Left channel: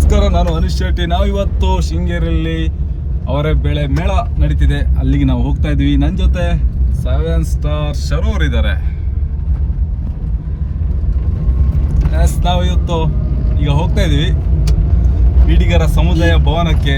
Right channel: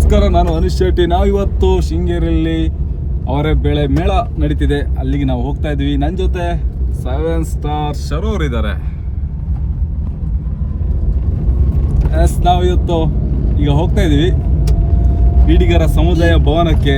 ನಮಸ್ಕಾರ, ನಾನು ಅನಿಶ್ ಶೆಟ್ಟಿ. ನಾವಿವತ್ತು ಶೃಂಗೇರಿಯಲ್ಲಿ ಅವರ ಬೆಳೆ ಮೇಳ ನಡೀತಿದೆ, ಅಲ್ಲಿಗೆ ನಾವು ಹೋಗ್ತಾ ಇದ್ವಿ. ನನ್ನ ಜೊತೆ 7 ಸ್ಟಾರ್ ಶರು ಅವರಿದ್ದಾರೆ. ನಾವು ಇವತ್ತು ಈಗ ಹೋಗ್ತಾ ಇದ್ವಿ ಬೀಡಿಗರ ಸಮುದಾಯ ಭವನಕ್ಕೆ.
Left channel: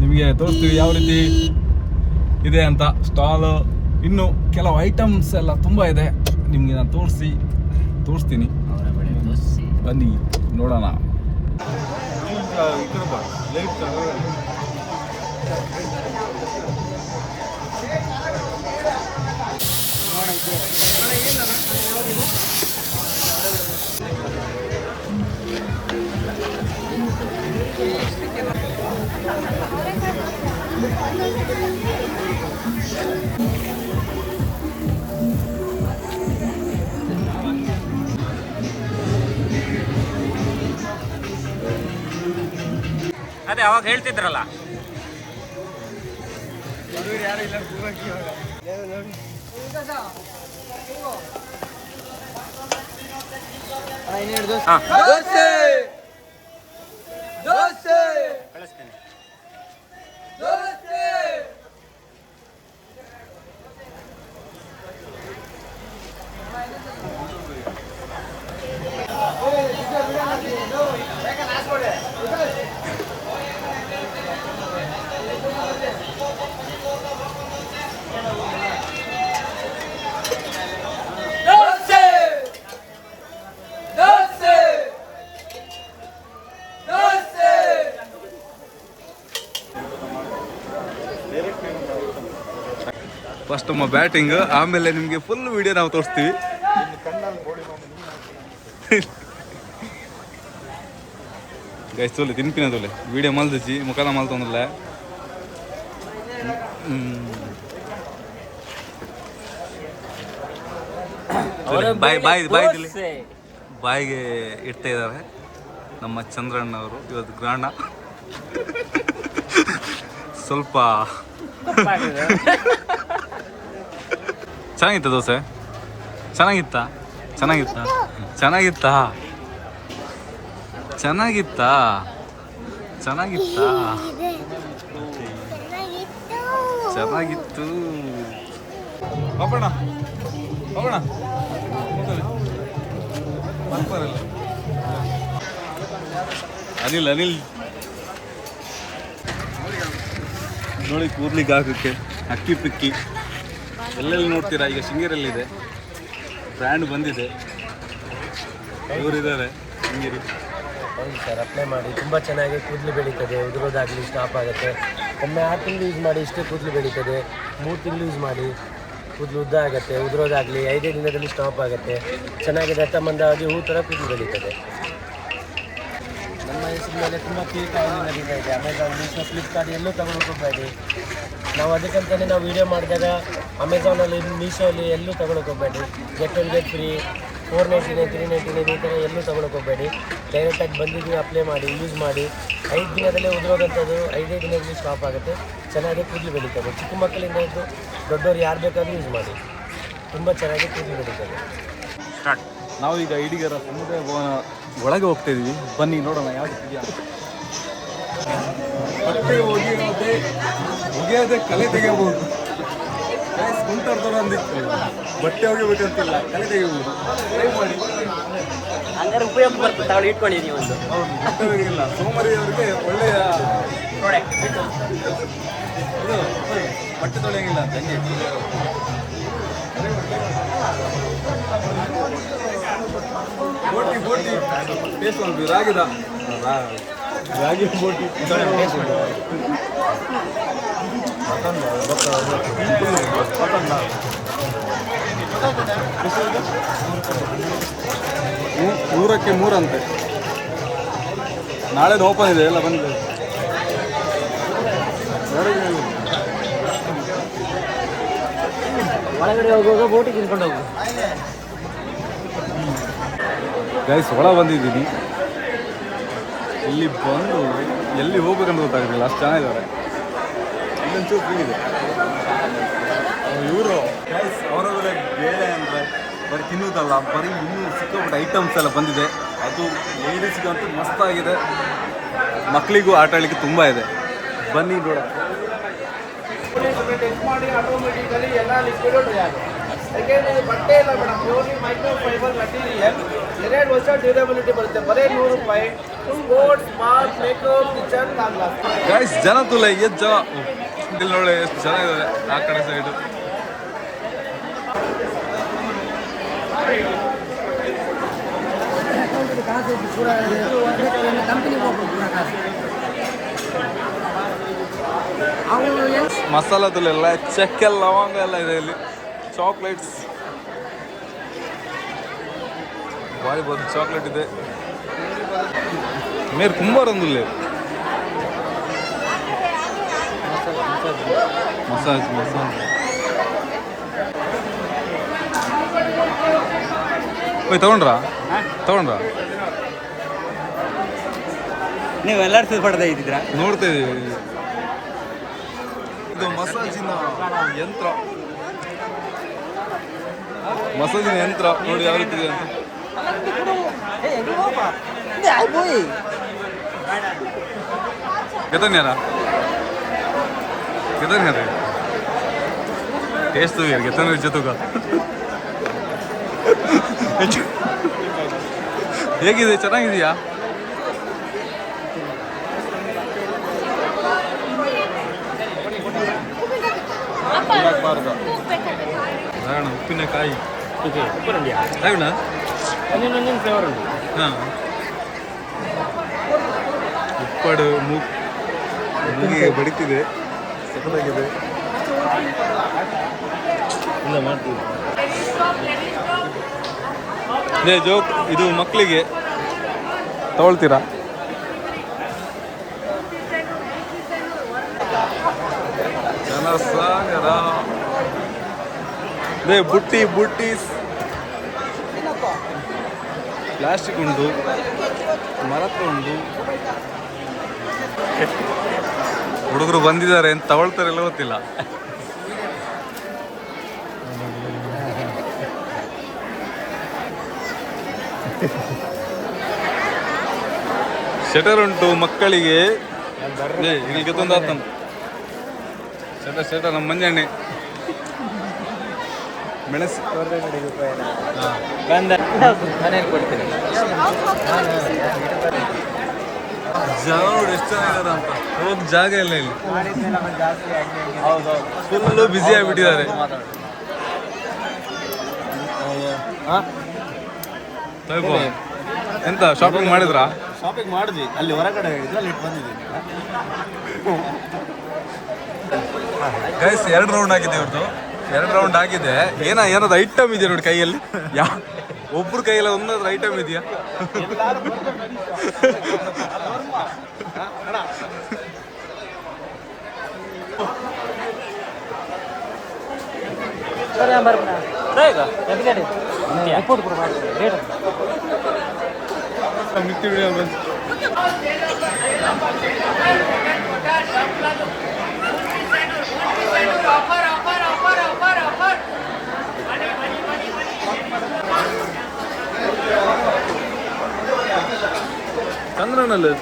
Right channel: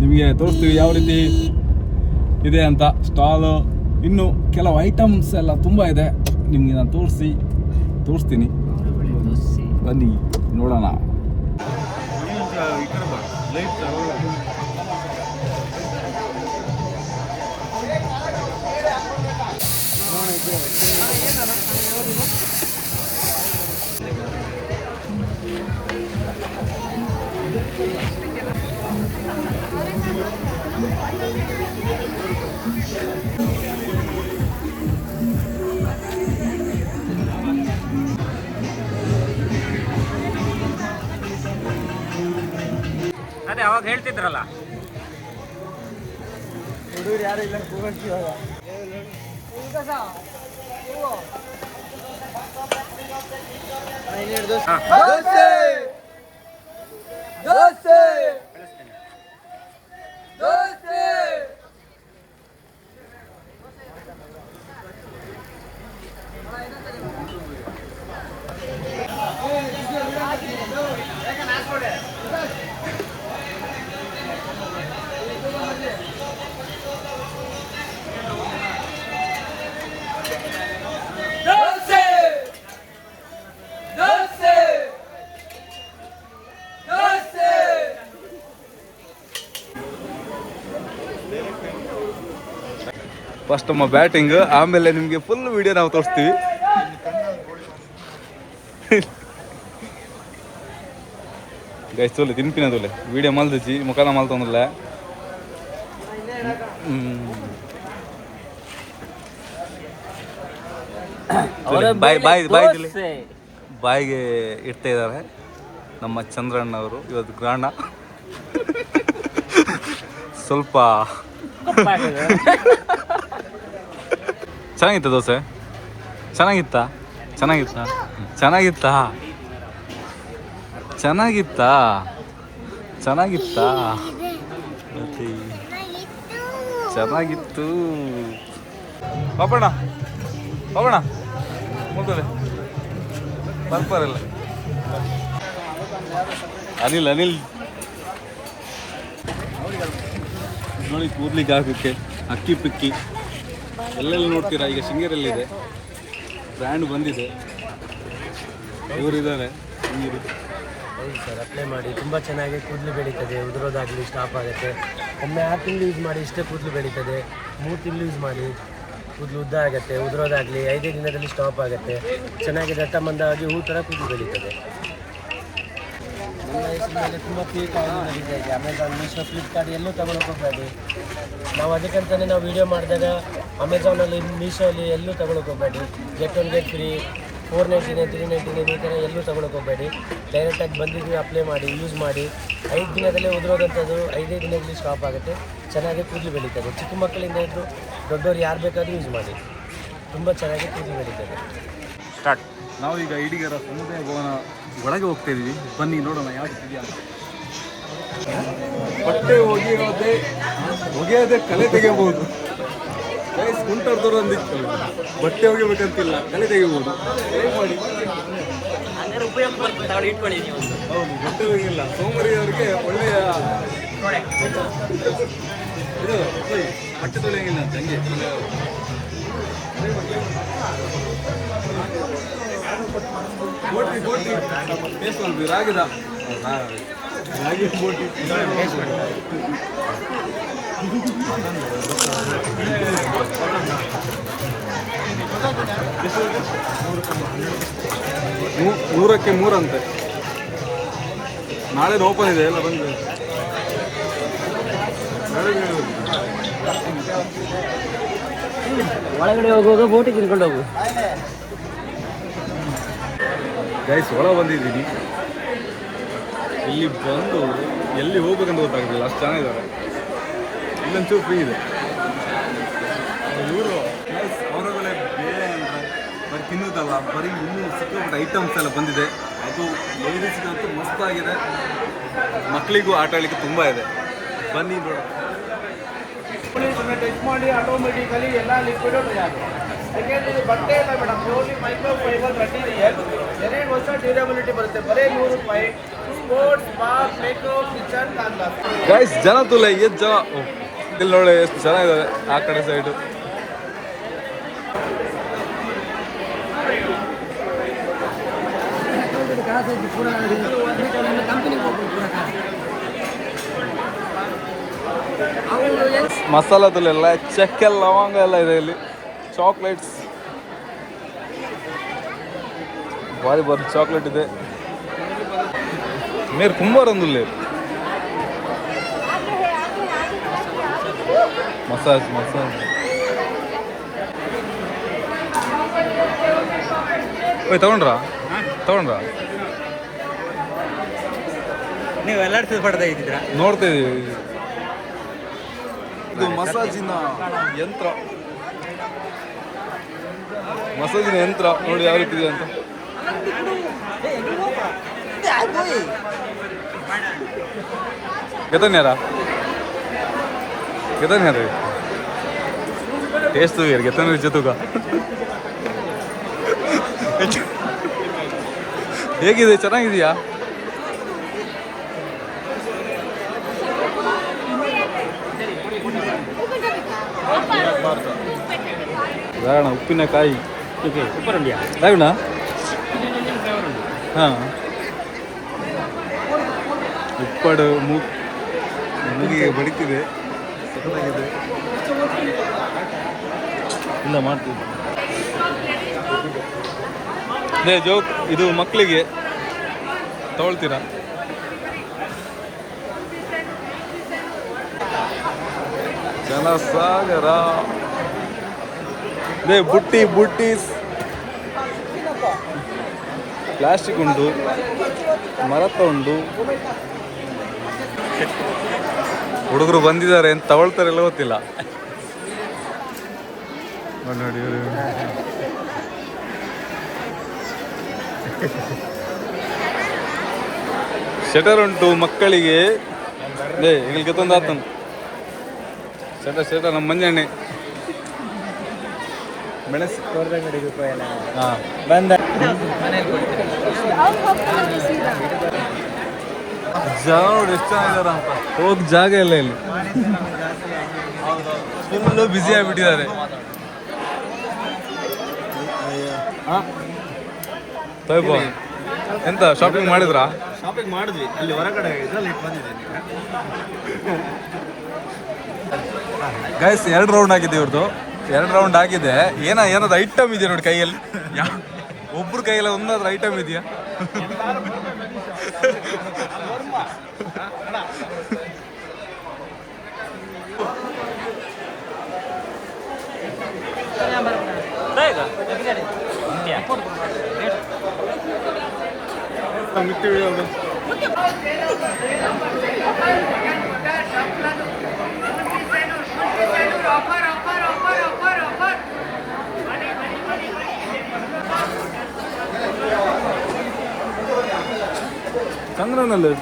ನಿಮಗೆ ತೋರಿಸ್ತೀವಿ ಯಾವ ರೀತಿ ಇದೆ ಅಂತ. ಸ್ಟಾಲು, ಇನ್ನು ಕೆಲವು ಐಟಮ್ಸ್ ಎಲ್ಲ ತುಂಬ ಇದೆ, ನಿಮಗೆ ನಾನು ತೋರಿಸ್ತೀನಿ. ಬನ್ನಿ ನೋಡೋಣ. ಅದೇ ಅವಾಗ ಹೇಳ್ತಿದ್ರಲ್ಲ, ಯಾರು ಇಲ್ಲ. ಕಳಿಸ್ತೀನಿ. ಫಸ್ಟ್ ನಮ್ಮ ಬ್ಯಾಟಿಂಗ್, ಆಮೇಲೆ ನಿಮಗೆ ಫುಲ್ ವಿಡಿಯೋ ನಾವು ತೋರಿಸ್ತೀವಿ. ಗೈಸ್ ತೋಲೆ ತಿನ್ಪಿನ ತೋಲೆ ವಿಡಿಯೋ ಮಲ್ದಿಸಿ ಮುಖದ ಮಲ್ತಂದ್ರಲ್ಲ. ಬಾಯಿಗೆ ಇಡ್ತಾ ಇದ್ದಾರೆ ನಮ್ಮ ಚಂದ್ರಣ್ಣ ಅವರು. ಇವತ್ತು ಗ್ರಾಣ ಸ್ವಲ್ಪ ಚೆನ್ನಾಗಿತ್ತ ದೋಸೆ? ಚೆನ್ನಾಗಿತ್ತಾ? ಚೆನ್ನಾಗಿತ್ತು. ಹೋಗೋಣ ಬರ್ಪಾರಲ್ಲ. ಅನಿಲ್ ನೋಡಿ, ಕೂರ್ಲಿಕ್ಕೆ ಹಾಕಕ್ಕೆ ಅಕ್ಕಿ ಪಿಕ್ಕಿ ಎಲ್ಲೆಲ್ಲಿ ನೋಡ್ತೀರಾ. ಈಗ ಶೃಂಗೇರಿಯಲ್ಲಿದೆ, ಬ್ರ್ಯಾಂಡ್ ಬಂದಿದೆ, ಇವರಿದ್ದಾರೆ ಶೃಂಗೇರಿ. ಹೌದು ಸರ್, ಅಪ್ಲೈ ಮಾಡಿ. ತುಂಬ ಚೆನ್ನಾಗಿ ಕೂದಲು ಬೆಳೀತದೆ, ಉದುರೋದಾಗಲಿ ಸ್ಟಾಪ್ ಆಗುತ್ತೆ. ಒಮ್ಮೆ 6 ತಿಂಗಳು ಯೂಸ್ ಮಾಡಿ, ಇಷ್ಟೇ ಕೂದಲು ಬೆಳೀತದೆ. 3 ತಿಂಗಳು ಯೂಸ್ ಮಾಡಿ, ಕೂದಲು ಉದ್ದ ಆಗುತ್ತೆ. ಉದುರೋದಾಗಲಿ 5 ದಿನದಲ್ಲಿ ಸ್ಟಾಪ್ ಆಗುತ್ತೆ. ಚೆನ್ನಾಗಿ ದಟ್ಟಮಂದವಾಗಿ ಹೂ ಥರ ಕೂದಲು ಬೆಳೀತದೆ. ನಮ್ಮ ಹೆಸರು ಮೇಲೆ ತುಂಬ ಪೀಕ್ ಆಯಿಲ್ ನಡೀತಾ ಇದೆ. ಅಮೆಝಾನ್, ಮೀಶೋ, ಫ್ಲಿಪ್ಕಾರ್ಟ್ ಎಲ್ಲೂ ತಗೊಳಕ್ಕೆ ಹೋಗಬೇಡಿ. ನಾವು ಅದಕ್ಕಂತಲೇ ನಾವು ವೀಡಿಯೋ ಮಾಡಿದಾಗ ಅಮೆಝಾನಲ್ಲಿ, ಮೀಶೋಲ್ಲಿ ಎಲ್ಲೂ ತಗೊಳಕ್ಕೆ ಹೋಗಬೇಡಿ. ಗೆಟ್ ಒನ್ ಗೆಟ್ ಫ್ರೀ, 499, 399 ಈ ಥರ ಎಲ್ಲೂ ತಗೊಳಕ್ಕೆ ಹೋಗಬೇಡಿ. ಡೈರೆಕ್ಟಾಗಿ ಬಂದಿದ್ದೀವಿ, ಅಪ್ಲೈ ಮಾಡಿ, ಯೂಸ್ ಮಾಡಿ. 5 ದಿನದಲ್ಲೇ ಉದುರೋದಂಥದ್ದು 5 ದಿನದಲ್ಲಿ ಸ್ಟಾಪ್ ಆಗುತ್ತೆ. ಚೆನ್ನಾಗಿ ಕೂದಲು ಬೆಳೀತದೆ. ಚಿಕ್ಕ ಮಕ್ಕಳಿಂದ ಇದ್ದು ದೊಡ್ಡವರು ಯಾರು ಬೇಕಾದರೂ ಯೂಸ್ ಮಾಡಿ. ತುಂಬ ಚೆನ್ನಾಗಿ ಕೂದಲು ಬೆಳೀತದೆ. ಸ್ಟಾರ್ಟ್. ನಾವೀಗ ಇಡಿಗರ ಸಮುದಾಯ ಭವನ ಒಳಗೆ ಹೋಗ್ತಾ ಇದೀವಿ. ಬನ್ನಿ ನೋಡೋಣ ಯಾವ ರೀತಿ ಅಂತ. ಬಟ್ಟೆ ಒಗೆಯೋದೇ ಕಲೆ ತೆಗೆಯಬಹುದು. ಗೈಸ್, ಕುಂಟರ್ದವ್ರು ಅಂದಿತ್ತು, ಬಟ್ಟೆ ಒಗೆಬೇಕಂತಿಲ್ಲ, ಕಲೆ ತೆಗಿಬೋದು. ಟ್ರೈ ಮಾಡಿ. ಹಂಗಾರೆ ಉಪಯೋಗ ಬರ್ತದೆ, ಇಟ್ಕೊಳ್ಳಿ. ಹೌದು, ಬಟ್ಟೆ ಒಗೆಯಿಲ್ಲ ಸೋಮರಿಯವರಿಗೆ ಒಳ್ಳೆಯ ಇದು. ಬಟ್ಟೆ ತೊಳೆಯಂಗಿಲ್ಲ ಅಂತ ಹಂಗೆ. ಬೋಟಿ ಟೇಸ್ಟ್ ಮಾಡ್ತೀವಿ. ರಾಗಿ ಬೋಟಿ 100ಕ್ಕೆ 3 ಅಂತೆ. ನಾಳೆದು ಓಪನ್ ಇದೆ, ಎಲ್ಲ ಬಂದಿದೆ. ಒಳಗಡೆ ಹೋಗುವಾಗ ಬೋಟಿ ತಿನ್ಕೊಂಡು ಹೋಗು. ಗೈಸ್, ಒಳ ಬಂದಿದ್ದೀನಿ. ಇಲ್ಲಿ ಬಂದು ಎಲ್ಲಿ ಹೋಗ್ಬೇಕಂತ ಗೊತ್ತಾಗಲಿಲ್ಲ, ಅಷ್ಟು ಚೆನ್ನಾಗಿದ್ದಾರೆ. ಇಲ್ಲೊಂಚೂರು ಫ್ರೀ ಇದೆ. ಇವರು ಗೈಸ್, ಅವರೊಳಗಡೆ ಬೇಳೆ ಅಂದರೆ ಬರೀ ತಿನ್ನೋದಲ್ಲ, ಬರೀ ಇನ್ನೂ ಸಿಕ್ಕಾಪಟ್ಟೆ ಐಟಮ್ಸ್ ಎಲ್ಲ ಬಂದಿದೆ. ಅದು ಲೇಡೀಸ್ಗಂತೂ ಮಸ್ತಾಗಿದೆ, ಮಕ್ಕಳಿಗೂ ಆಟ ಆಡಲಿಕ್ಕೆ ತುಂಬ ಇದೆ. ಬನ್ನಿ ನೋಡ. ಟೆಸ್ಟ್ ಮಾಡಿ ಆಟೋಮೆಟಿಕಲಿ ಎಲ್ಲ ಲಿಕ್ವಿಡ್ ಯಾಕೆಂದ್ರೆ ಇದು ಬಟ್ಟೆ ಇಲ್ಲ madam, purely micro fibre material. 2 ವರ್ಷ ಡ್ಯೂರಬಿಲಿಟಿ ಬರುತ್ತೆ. ಬರೀ 100 ರೂಪಾಯಿ. Sports, bath, makeup, kitchen, guys ಜನ ತುಲ್ಲ ಎಷ್ಟು ಜನ, ಇಲ್ಲಿ ನೋಡಿ ಎಷ್ಟು ಜನ ಇದ್ದಾರೆ ಆ ಕಡೆ ಸೈಡು. ಮಸಾಲ ತುಲ್ಲ ಎಲ್ಲ, ಚಕ್ಕೆ, ಲವಂಗ ಎಲ್ಲ ಇದೆ ಇಲ್ಲಿ. ಚಾಕ್ಲೇಟ್ಸ್ ಭಾರಿ ಭಾರಿ ಚಾಕ್ಲೇಟ್ ಇದೆ. మీరు కుంభారందు లేదు. మసాజ్ పోయి ತಗೊಂಡ್ರಾ ನೀವು ಎಲ್ಲರೂ ಸುಸ್ಪಡ್ತಾ ಇದ್ದಿದ್ರಾ? ನೋಡ್ತಾ ಇದೀವಿ. ಇದು ಮಸಾಜಿನ ಯಂತ್ರ ನೋಡಿ ಯಾವ ರೀತಿ ಇದೆ ಅಂತ. कितने टेस्ट यार कितने ಜೊತೆಗ ಹೇಗಿದೆ, ಚೆನ್ನಾಗಿದೆಯಾ? ರಾಗಣ ಉಪ್ಪಿನಕಾಯಿ ರಾಗಣ ಹಾಂ ಉಪ್ಪಡು ಮೂಗಿಗೆ ಬಡಿತಿದೆ, ಸಖತ್ತಾಗಿದೆ. ಇಲ್ಲ ಮಾಡ್ತೀವಿ ಜೋಕ್. ಇದು ಮಕ್ಕಳಿಗೆ ತಗೊಳ್ತೀರಾ? ಜನಸಾಗರ ಬುಟ್ಟೀಸ್ ಪ್ಲಾಸ್ಟಿಕ್ ಉಂಟು, ಮರತ ಉಂಟು. ಹುಡುಗರು ಬಂದಿದ್ದಾರೆ ಅಂತ ತಗೊಳ್ತಾರೆಲ್ಲ ಗೊತ್ತಿಲ್ಲ. ನೋಡಿ ಶೆಟರ್ ಉಂಟು ಮಕ್ಕಳಿಗೆ. ಈಗ ತೊಂದು ಆತ ಶೆಟರ್ ನಮ್ಮ ಮಂಜಣ್ಣೆ ಮೆಣಸು ಜನ ನೋಡಿ ಎಷ್ಟು ಚೆನ್ನಾಗಿದ್ದಾರೆ ಅಂತ. ಹೋಗಿ ಜಾಗ ಇಲ್ಲ ಇಲ್ಲಿ, ಫುಲ್ಲು ಬ್ಯುಸಿ ಆಗಿಬಿಟ್ಟಿದ್ದಾರೆ. ಎಂತ ಶಾಪಿಂಗ್ ಮಾಡಿದ್ರಾ? ಶಾಪಿಂಗ್ ಮಾಡಿದ್ವಿ ಅಲ್ಲಿ ಹೊರಗಡೆ, ಇದರಲ್ಲಿ ಬಂದಿದೆ. ಗೈಸ್ 2 ರೌಂಡ್ ಆಗಿದೆ ಇವ್ರದ್ದು. 2 ರೌಂಡ್ ಆಗಿದೆ. ಏನಾದ್ರು ಐಟಮ್ ಇದೆಯಾ ನೋಡಿ ಕೈಯಲ್ಲಿ. ಒಬ್ರು ಕೈಯಲ್ಲಿ ಒಂದಾದ್ರೂ ಐಟಮ್ ಇದೆಯಾ? ಚಂದ್ರನಲ್ಲಿ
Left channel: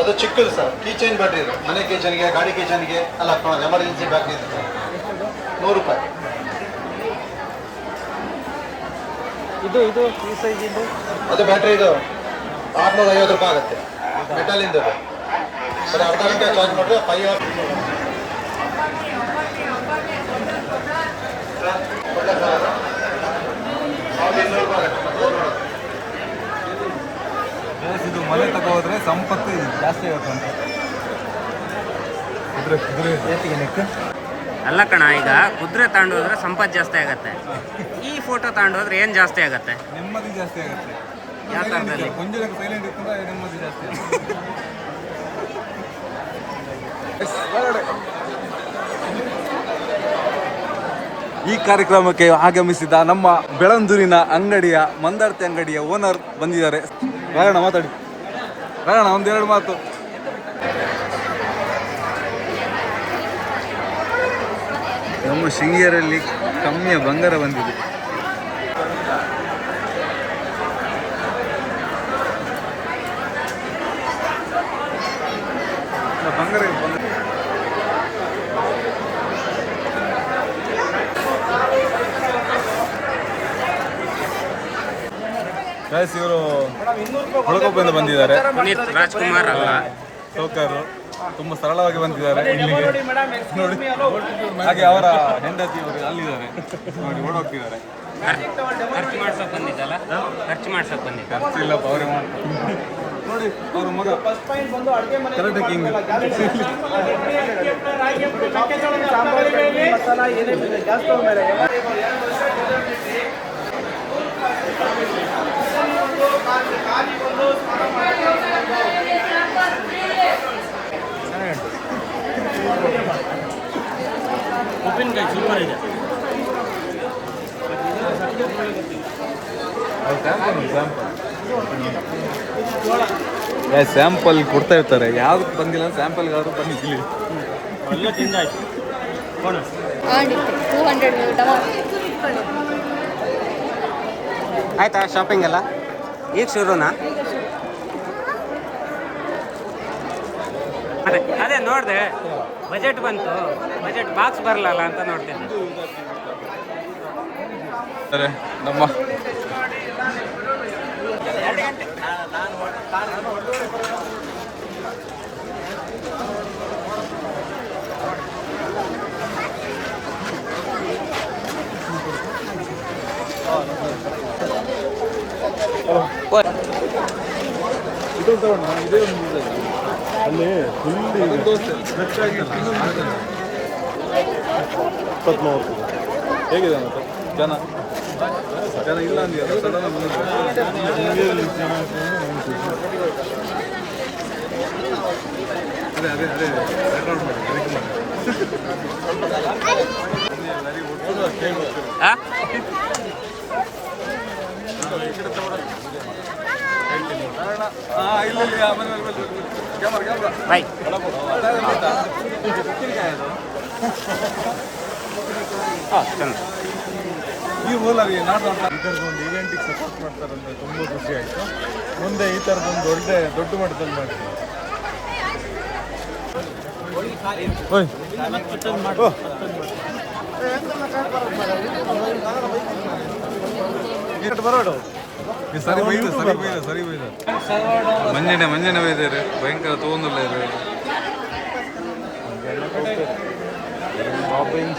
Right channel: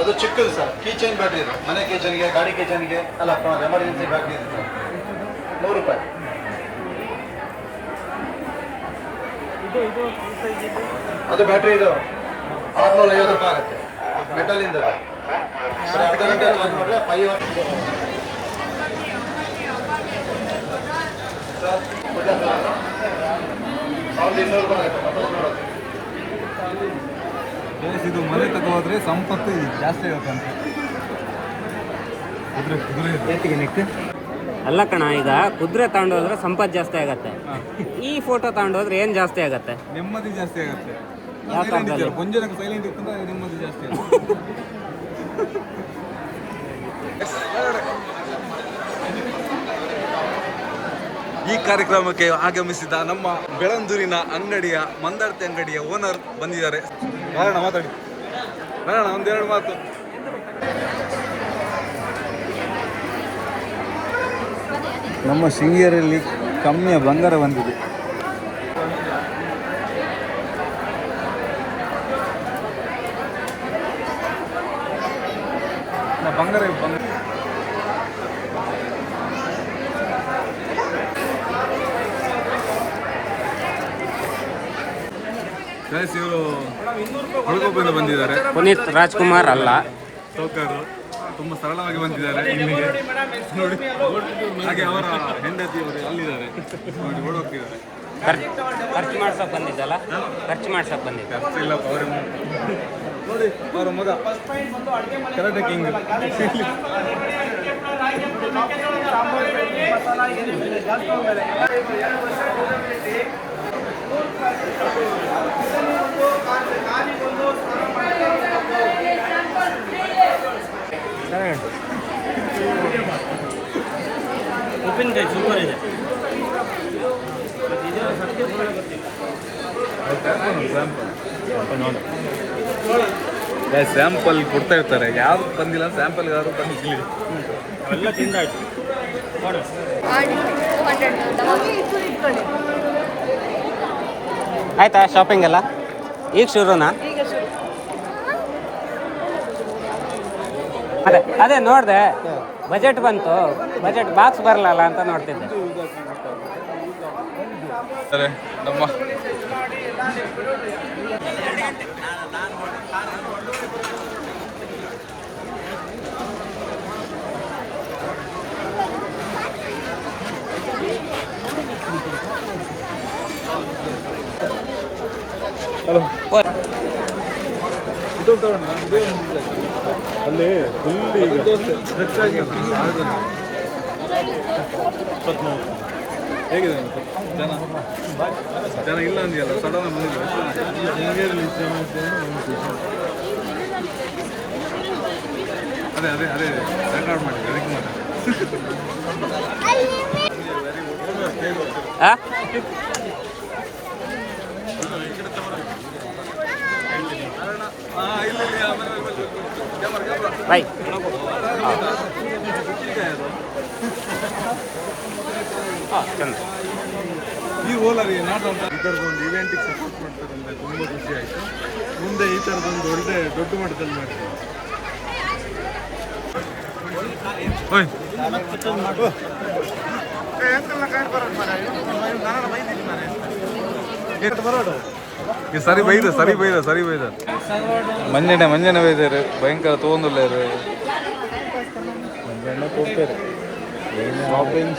ಅದು ಚಿಕ್ಕದು ಸರ್, ಕೀಚೈನ್ ಬ್ಯಾಟ್ರಿ ಇದೆ. ಮನೆ ಕಿಚನ್ಗೆ, ಗಾಡಿ ಕಿಚನ್ಗೆ ಅಲ್ಲ, ಎಮರ್ಜೆನ್ಸಿ ಬ್ಯಾಟ್ರಿ ಇದೆ ಸರ್. 100 ರೂಪಾಯಿ. ಅದು ಬ್ಯಾಟ್ರಿ ಇದು 650 ರೂಪಾಯಿ ಆಗುತ್ತೆ. ಮೆಟಲಿಂದ ಸರ್. ಅರ್ಧ ಗಂಟೆ ಚಾರ್ಜ್ ಮಾಡಿದ್ರೆ 5 ಅವರ್. 1200 ರೂಪಾಯಿ ಆಗುತ್ತೆ ಮತ್ತೆ ನೋಡೋದು. ಇದು ಮನೆ ತಗೋದ್ರೆ ಸಂಪತ್ತು ಜಾಸ್ತಿ ಆಗುತ್ತೆ ಅಂತ. ಅಲ್ಲ ಕಣ, ಈಗ ಕುದುರೆ ತಗೊಂಡೋದ್ರೆ ಸಂಪತ್ತು ಜಾಸ್ತಿ ಆಗತ್ತೆ. ಈ ಫೋಟೋ ತಗೊಂಡೋದ್ರೆ ಏನು ಜಾಸ್ತಿ ಆಗತ್ತೆ? ನೆಮ್ಮದಿ ಜಾಸ್ತಿ ಆಗುತ್ತೆ. ಯಾವ ಥರದಲ್ಲಿ? ಕೊಂಚನಕ್ಕೆ ಸೈಲೆಂಟ್ ಇತ್ತಂದ್ರೆ ನೆಮ್ಮದಿ ಜಾಸ್ತಿ ಆಗುತ್ತೆ. ಈ ಕಾರ್ಯಕ್ರಮಕ್ಕೆ ಆಗಮಿಸಿದ ನಮ್ಮ ಬೆಳಂದೂರಿನ ಅಂಗಡಿಯ ಮಂದಾರ್ತಿ ಅಂಗಡಿಯ ಓನರ್ ಬಂದಿದ್ದಾರೆ. ಯಾರಣ್ಣ ಮಾತಾಡಿ, ರಾಣ ಒಂದೆರಡು ಮಾತು. ನಮ್ಮ ಶೃಂಗೇರಿಯಲ್ಲಿ ಕಮ್ಮಿಯ ಬಂಗಾರ ಬಂದಿದೆ. ಗೈಸ್ ಇವರು ಹುಡುಕೊಪ್ಪದಿಂದ ಬಂದಿದ್ದಾರೆ. ಪುನೀತ್ ರಾಜ್ಕುಮಾರ್ ಅಲ್ಲ, ಸೋಕರು ತುಂಬ ಸರಳವಾಗಿ ಬಂದಿದ್ದಾರೆ ಇಲ್ಲಿಗೆ ನೋಡಿ. ಹಾಗೆ ಅವರ ಹೆಂಡತಿಯವರು ಅಲ್ಲಿದ್ದಾರೆ, ಓಡೋಗ್ತಿದ್ದಾರೆ. ಖರ್ಚು ಮಾಡ್ಸೋಕೆ ಬಂದಿದ್ದಲ್ಲ, ಖರ್ಚು ಮಾಡ್ಸೋಕೆ ಬಂದಿದ್ದ. ಇಲ್ಲ ನೋಡಿ ಅವರ ಮಗ ಕರಾಟೆ ಕಿಂಗ್. ಉಪ್ಪಿನಕಾಯಿ ಸೂಪರ್ ಇದೆ. ಸ್ಯಾಂಪಲ್ ಕೊಡ್ತಾ ಇರ್ತಾರೆ, ಯಾವ್ದು ಬಂದಿಲ್ಲ ಸ್ಯಾಂಪಲ್ಗಾದ್ರು ಬಂದಿಲ್ಲ. ಎಲ್ಲ ತಿಂದಾಯ್ತು. ಆಯ್ತಾ ಶಾಪಿಂಗ್ ಎಲ್ಲ ಈಗ ಶುರುನಾ? ಅದೇ ನೋಡಿದೆ, ಬಜೆಟ್ ಬಂತು, ಬಜೆಟ್ ಬಾಕ್ಸ್ ಬರಲ್ಲ ಅಂತ ನೋಡ್ತಿದ್ದೆ. ನಮ್ಮ ಇದೇ ಒಂದು ಅಲ್ಲಿ ಫುಲ್ ದೋಸೆ ಫ್ರೆಶ್ ಆಗಿಲ್ಲ. 20-30 ಹೇಗಿದೆ ಅಂತ ಜನ ಇಲ್ಲ ಅಂದಿಯಲ್ಲ, ಸಡನ್ ಬಂದಿಲ್ಲ. ಅದೇ ಅದೇ ಅದೇ ರೆಕಾರ್ಡ್ ಮಾಡಿ ಅದಕ್ಕೆ ಮಾಡಿ. ಬಾಯ್ ಚಂದ. ಈ ರೋಲಲ್ಲಿ ಇದರದೊಂದು ಇವೆಂಟಿಗೆ ಸಪೋರ್ಟ್ ಮಾಡ್ತಾರೆ ಅಂದರೆ ತುಂಬ ಖುಷಿ ಆಯಿತು. ಮುಂದೆ ಈ ಥರದೊಂದು ದೊಡ್ಡ ಮಟ್ಟದಲ್ಲಿ ಮಾಡ್ತೀವಿ. ಸರಿ ಬೈದ ಮಂಜನೆ ಬೈದಾರೆ, ಭಯಂಕರ ತೊಗೊಂದಿಲ್ಲ ಇರು. ಶಾಪಿಂಗ್